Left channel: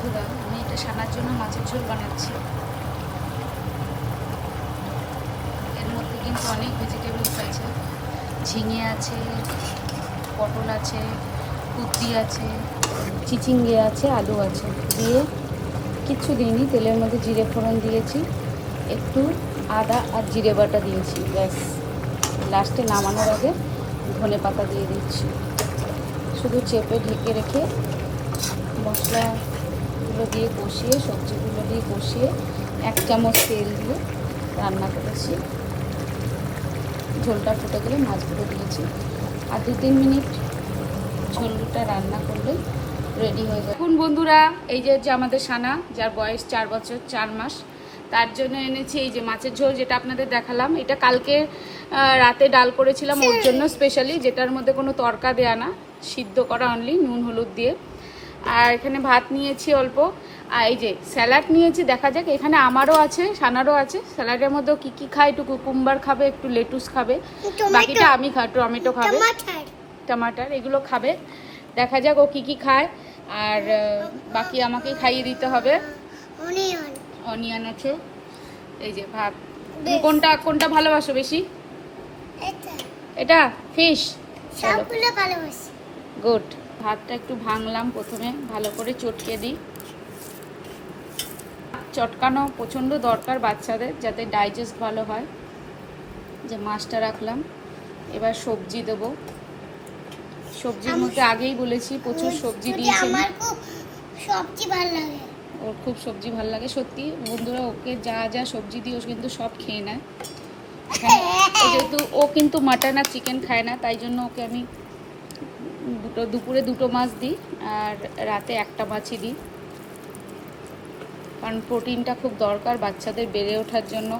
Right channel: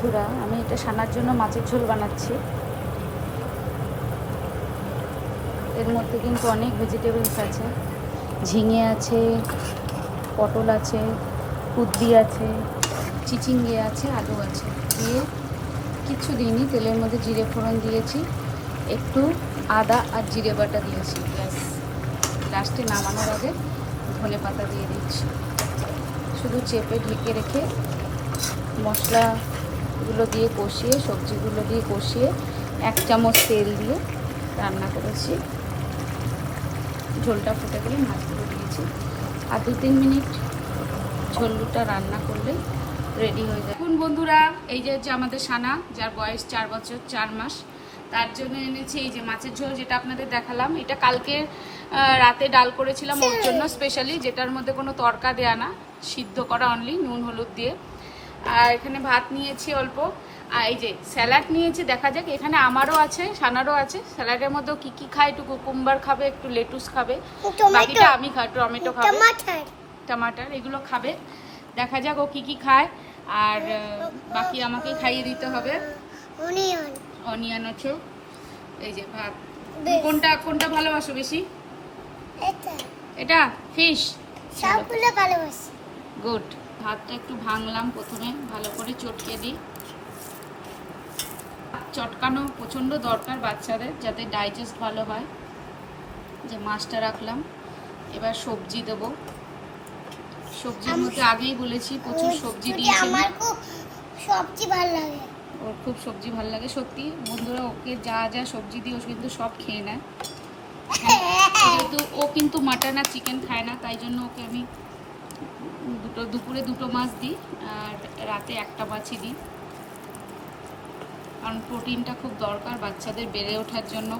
বন্ধুরা, আমি এটা সানার জন্য মাছের ঝোল বানাচ্ছি। এর মধ্যে কিন্তু অনেক ভেজিটেবলস আছে, ঝিঙে আছে, পটল আছে, কুদ্রি আছে, চিচিঙ্গে আছে, আলু আছে। দিয়ে কিচ্ছু দিইনি, তেলের মধ্যে জিরে ফোড়ন দিয়েছি, একটু আদা আর জিরে বাটা দিয়েছি, ব্যাস। লাস্টে নামানোর আগে ধনে পাতা দিয়ে দিচ্ছি। শুধু চেপে ঢেকে রেখে মশলাগুলো দিয়ে কষিয়ে, সবজিগুলো দিয়ে কষিয়ে 1 চামচ তেল দিয়ে রান্না করেছি। ঝোলটা ফুটে গেলে মাছগুলো দিয়েছি, আর 2-3 মিনিট ঝোলটা রান্না করলে রেডি হয়ে যায়। এখন বন্ধুরা, এই যে আমাদের সানা, যার বয়স 4 বছর 4 মাস, তার জন্য এনেছি এই যে মাছের ঝোল, যেটা আপনাদের দেখালাম। এটা কালকে রাতে ডাল করেছিলাম ওর জন্য স্পেশালি, যেটার মধ্যে কোনো তরকা দেয়া না, সিদ্ধ করা অনলি নুন হলুদ দিয়ে। আর এখানে ভাত নিয়েছি অল্প, আর এই যে স্যালাড নিয়েছি। দেখা যাক, এখানে আমারও আছে, সানারও আছে। স্যালাডের মধ্যেও কি কি খায়, একটু কুকুম্বার খাবে, একটু লেটুস খাবে, বাকিটা আমি খাই। টমেটো খাবে, টমাটার, এগুলো খাবে। দেখা যাক ও কি কি খায়, আর বাকি আমাকে খাইয়ে দিতে হবে। অনিয়ন আছে, এই যে ভাত। কোনটা কোনটা ভালোবাসো বেশি? এটা ফিশ, সবগুলো ভালোবাসি। গুড। ভাতটা একটু ভাঙলাম, প্রথমে ভালো করে চটকে দিই। চটকানো প্রচণ্ড দরকার বাচ্চাদের, যাতে ডাইজেস্ট ভালো হয়। যে মাছটা রাখলাম, এবার সবজি দেবো। সবজির মধ্যে আগেই বলেছি প্রচুর সবজি দিয়েছি। আমার খুব সবজি ভালো লাগে, ওর খুব সবজি ভালো লাগে সত্যি বন্ধুরা। ওকে যা যা সবজি দিই ও কিন্তু সব খেয়ে নেয়। যেহেতু ও কিন্তু মাটন আর চিকেন খায় না, তাই জন্য ওকে আমি দুপুরে 2টো মাছ দিই, আর রাতে 1টা মাছই দিই, কারণ প্রোটিনটা খুব দরকার বাচ্চাদের বেড়ে ওঠার জন্য।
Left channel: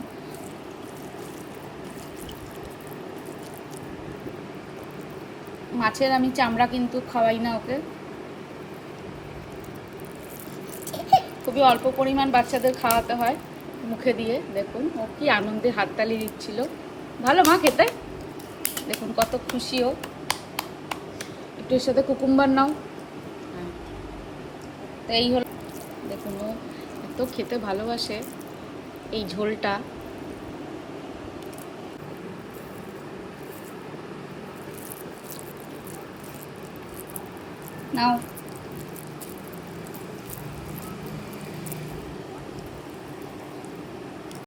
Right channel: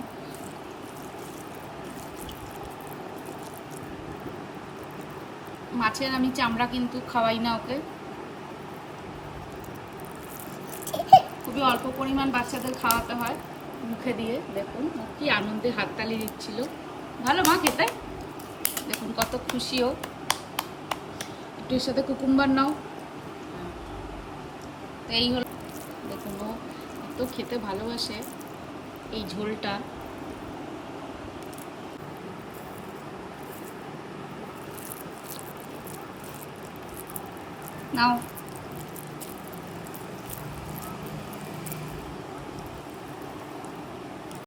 মাছের আমি চামড়া কিন্তু খাওয়াই না ওকে, খুবই অল্প পরিমাণ বাচ্চাদের খাওয়াতে হয় মুখে দিয়ে। দেখুন ও কি আনন্দে হাততালি দিচ্ছিল। ভালো মা খেতে, দেখুন কত খুশি ও। একটু এর সাথে কুকুম্বার নাও। এই হলো, দেখুন ও এত খেতে ভালোবাসে এই ঝোলটা। নাও।